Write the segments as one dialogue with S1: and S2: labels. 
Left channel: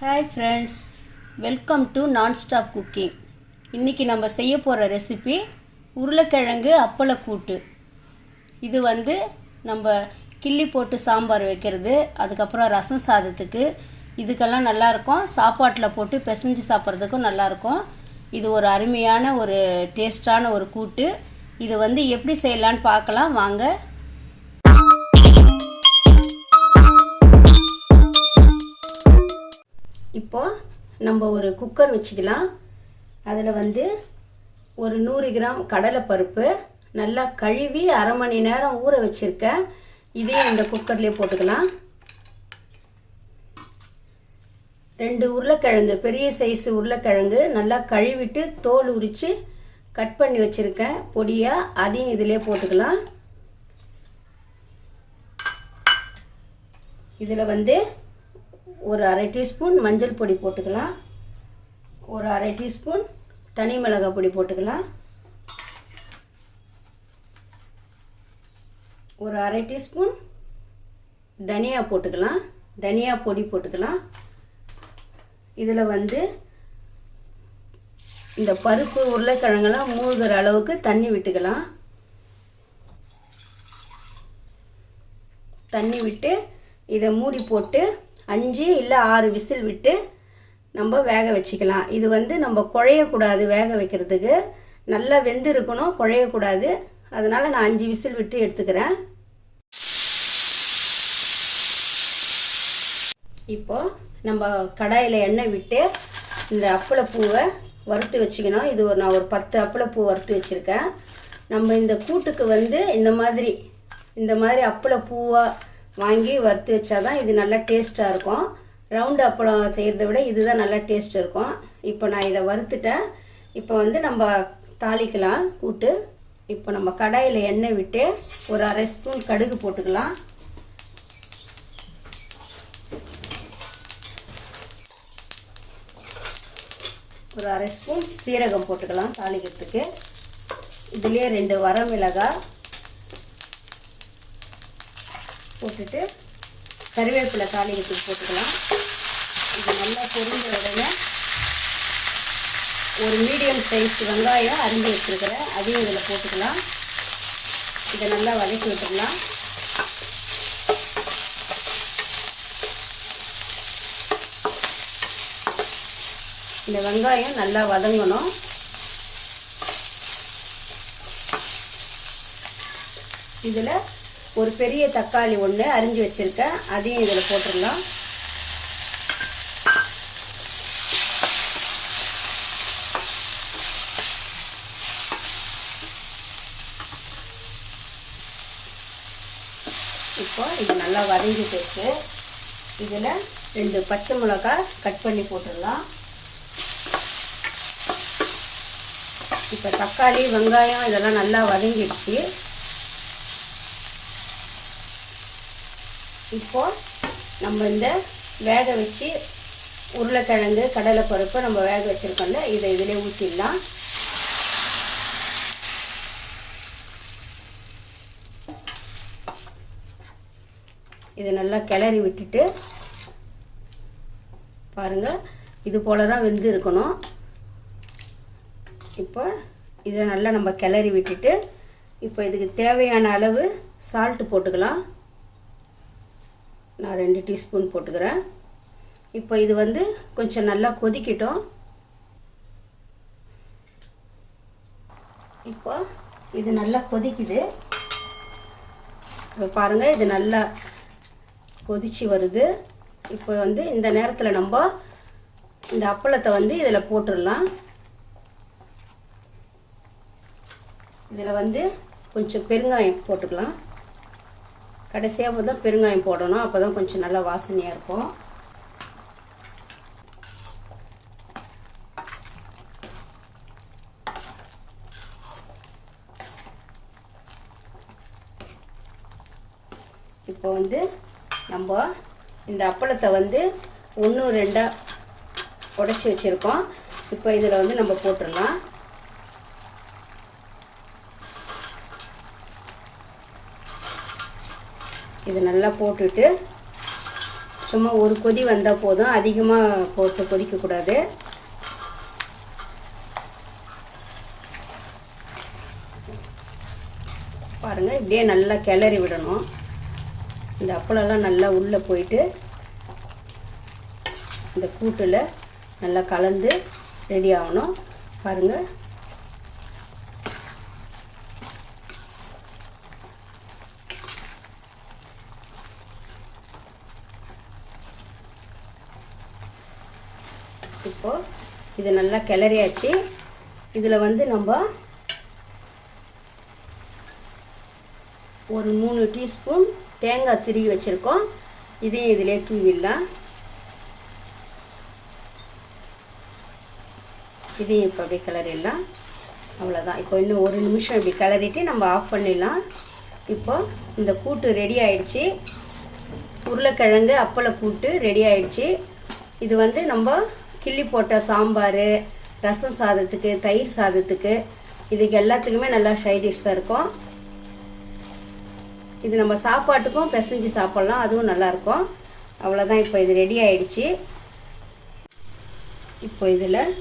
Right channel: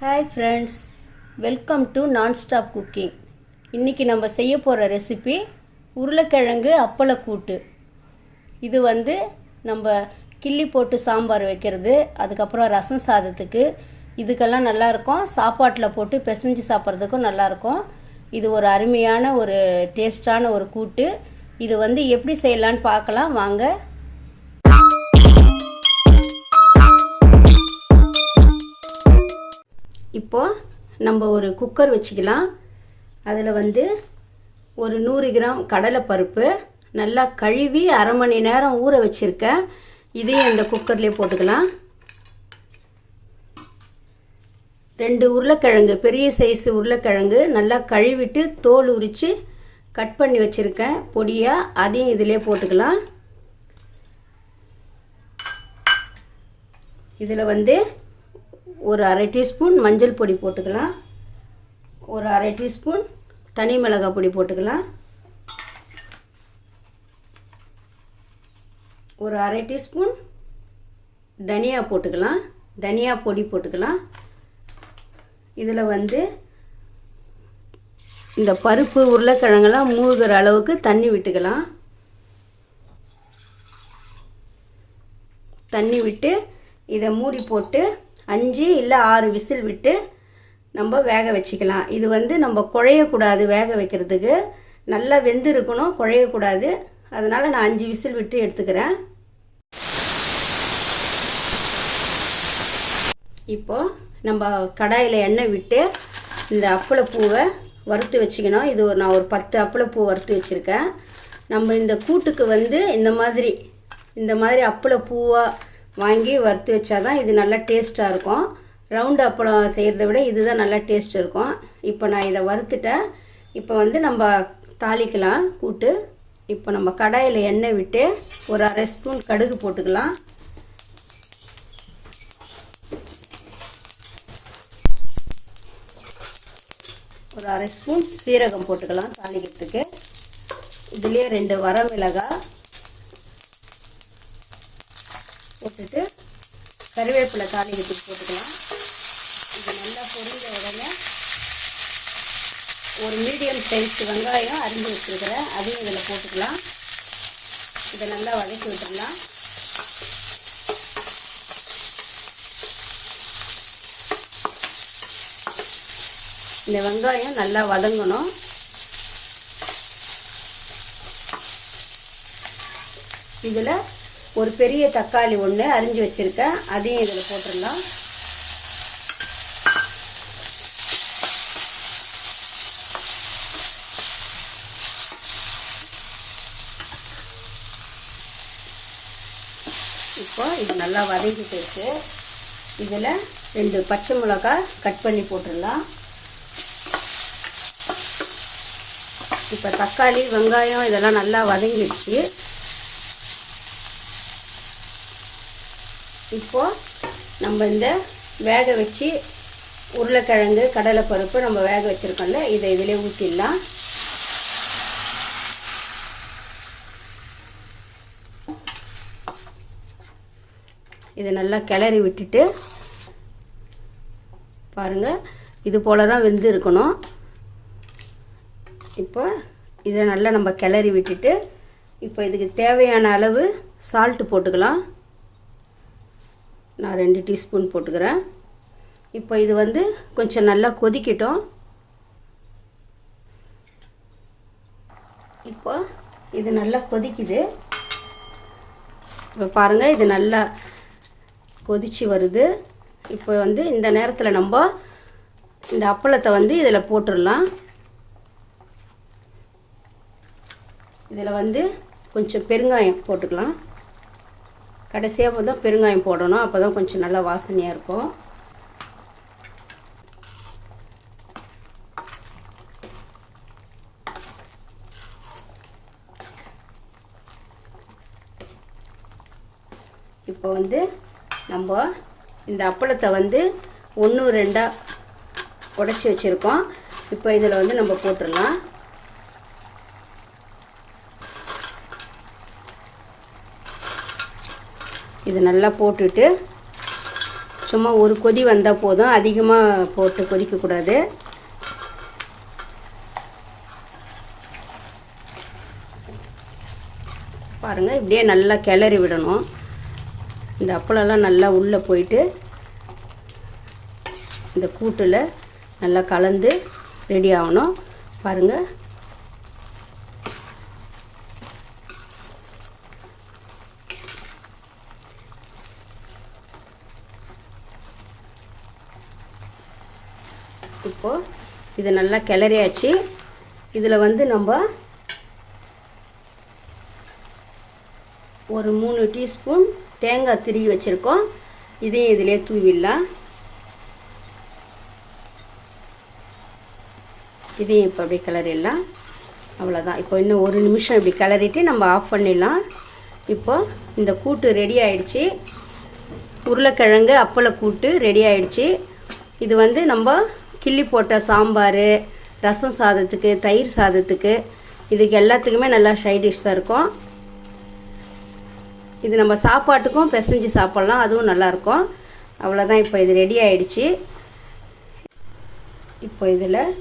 S1: Hi friends welcome to nonstop cooking இன்றைக்கி நம்ம செய்ய போகிற ரெசிபி உருளைக்கிழங்கு அப்பளக்கூட்டு. இது வந்து நம்ம கிள்ளி போட்டு சாம்பார் வைக்கிறது அதுக்கப்புறம் ரசம் சாதத்துக்கு. இதுக்கெல்லாம் நல்லாயிருக்கும். சாப்பாட்டில் போட்டு பிசைஞ்சு சாப்பிட்றதுக்கும் நல்லாயிருக்கும். இது ஒரு அருமையான ஒரு டேஸ்டான ஒரு கூட்டு. இது வந்து எப்படி செய்யலான்னு பார்க்கலாம். வாங்க இப்போ நம்ம ஒரு குக்கர் வச்சுக்கலாம். அதில் வந்து ஒரு நூறு கிராம் கடலைப்பருப்பு நல்லா கழுவி அரை மணி நேரம் ஊற வச்சுருக்கேன். இதையும் இந்த குக்கர்லேயே போட்டுக்கலாம். ரெண்டு உருளைக்கிழங்கு பெரிய சைஸ் உருளைக்கிழங்கு நல்லா கழுவிட்டு தோல் உரித்து கட் பண்ணி வச்சுருக்கேன். பொடியாக அதையும் இதிலே போட்டுக்கலாம். இதில் வந்து ஒரு அரை டீஸ்பூன் மஞ்சள் பொடி போட்டுக்கலாம். ஒரு அரை டீஸ்பூன் தனி மிளகாய் பொடி போட்டுக்கலாம். ஒரு அரை டீஸ்பூன் தனியா போட்டுக்கலாம். தனியா பொடி போட்டுக்கலாம். இதில் வந்து இந்த பருப்பு உருளைக்கிழங்கெல்லாம் மூழ்கிற அளவுக்கு தண்ணி விட்டுக்கலாம். தண்ணி விட்டு இதை மூடி போட்டு அஞ்சு இல்லை ஆறு விசில் விட்டு நம்ம வேக வச்சுக்கலாம். இது வந்து நம்ம குழையக்கூடாது வேக வைக்கிறதுக்கு. நல்லா வெந்து இருக்கணும் குழையக்கூடாது. அதனால் நான் அஞ்சு விசில் விட்டு எடுத்துக்கிறேன். இப்போ நம்ம கடாயில் எண்ணெய் விட்டு இந்த அப்பளப்பூவை வறுத்து வச்சுக்கணும். இது ஒரு நான் ஒரு பத்து அப்பளப்பூ வறுத்து வச்சுருக்கேன். நம்ம இந்த கூட்டுக்கு வந்து இந்த மாதிரி இந்த மாதிரி அப்பளப்பூவாக வாங்கி வறுத்து வச்சா தான் இது நல்லா டேஸ்ட்டாக இருக்கும். ரவுண்டு அப்பளம் செய்கிறத விட இதுதான் நல்லா டேஸ்ட் இருக்கும். இப்போ நான் இதை வறுத்துட்டேன். இப்போ வந்து நம்ம தாளிக்கலாம் கூட்டு. இப்போ நம்ம கடாயில் எண்ணெய் விட்டு ஒரு அரை ஸ்பூன் கடுகு போட்டுக்கலாம். ஒரு அரை ஸ்பூன் சீரகம் போட்டுக்கலாம் தாளிக்கிறதுக்கு. இதுலேயே ரெண்டு வரமிளகாய் போட்டுட்டு கறிவேப்பிலை தாளிக்கிறதுக்கு போட்டுக்கலாம். இது நல்லா பொருந்த உடனே ஒரு மீடியம் சைஸ் வெங்காயம் அரிஞ்சு வச்சுருக்கிறேன். அதையும் இதில் போட்டுக்கலாம். இதை நல்லா வதக்கி விட்டுக்கலாம் இந்த வெங்காயம் நல்லா வதங்கணும். இதில் ஒரு பெரிய தக்காளி ஒன்று அரிஞ்சு வச்சுருக்கேன். அதையும் இதில் போட்டுடலாம். இப்போ இது நல்லா வதங்கி போச்சு இதில் ரெண்டு பச்சை மிளகாய் கட் பண்ணி போட்டுடலாம். இப்போ தக்காளி வெங்காயம் இதெல்லாம் நல்லா வதங்கிடுச்சு. இப்போது நம்ம இந்த வேக வச்சு உருளைக்கிழங்கு கடலைப்பருப்பு நம்ம வேக வச்சுருக்கோம்ல இதை இதிலே ஊற்றிடலாம் இதை நல்லா கிளறி விட்டுட்டு பாருங்கள் இது போல் தான் வெந்து இருக்கணும். இப்போ இதை நல்லா நம்ம கிளறி விட்டுட்டு இப்போ இதுக்கு தேவையான அளவு சால்ட்டு போட்டுக்கலாம். நான் ரெண்டு டீஸ்பூன் போட்டுக்கிறேன். இப்போ இது வந்து கொஞ்சம் நல்லா கொதிக்கட்டும். இப்போ இது நல்லா கொதிக்குது. இப்போ பாருங்கள் இது நல்லா கொதிச்சு வருது. இப்போ வந்து இந்த நேரத்தில் நம்ம இந்த அப்பளத்தை வந்து இதில் போட்டுடலாம். இதில் வந்து கொஞ்சம் பெருங்காயம் போட்டுக்கலாம். கடைசியாக வந்து பெருங்காயம் போடணும். அப்போ தான் கொஞ்சம் நல்லா வாசனையாக இருக்கும். இப்போ வந்து நம்ம இந்த அப்பளத்தை வந்து ஒன்று ரெண்டாக உடச்சி வச்சுருக்கோம். இப்போ இதில் வந்து நம்ம போட்டுடலாம். இது நல்லா போட்டுட்டு சும்மா ஒரு கொதி வந்தால் போதும். அதிகமாக போட்டு கொதிக்கக்கூடாது பாருங்கள் இப்படியே நல்லா கிளறி விடணும். இந்த அப்பளம்லாம் நல்லா உள்ளே போயிட்டு இந்த கூட்டில் நல்லா கலந்து ரெடி ஆகணும். பாருங்கள் இப்போது இது நல்லா கிளறியாச்சு. இதில் வந்து நம்ம ஒரு மூணு டீஸ்பூன் தேங்காய் திருகி வச்சுருக்கோம். இதையும் இதிலே தூவிடலாம். இதையும் இப்போ அப்படியே கிளறிடலாம். அவ்வளோதான் இப்போ இன்னும் ஒரு நிமிஷம் இப்படி கிளறிட்டு நம்ம ஆஃப் பண்ணிடலாம். இப்போ இந்த கூட்டு ரெடி ஆயிடுச்சு. உருளைக்கிழங்கு அப்பளை கூட்டு ரெடி ஆயிடுச்சு. இது வந்து நம்ம கிள்ளி போட்ட சாம்பார் ரசம் சாதத்துக்கு தயிர் சாதத்துக்கு இதுக்கு எல்லாத்துக்குமே நல்லா ஷைடிஷாக இருக்கும். இது நம்ம சாப்பாட்டுக்கும் பிசைஞ்சு சாப்பிட்லாம் அதுவும் நல்லாயிருக்கும் அவ்வளோதான் இப்போ இது ரெடி ஆயிடுச்சு. இப்போ இதில்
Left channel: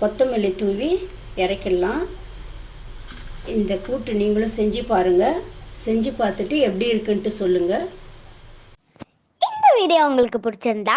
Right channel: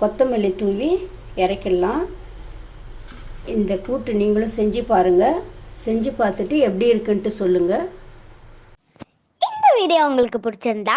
S1: கொத்தமல்லி தூவி இறக்கிடலாம். இந்த கூட்டு நீங்களும் செஞ்சு பாருங்கள் செஞ்சு பார்த்துட்டு எப்படி இருக்குன்ட்டு சொல்லுங்கள்
S2: இந்த வீடியோ உங்களுக்கு பிடிச்சிருந்தா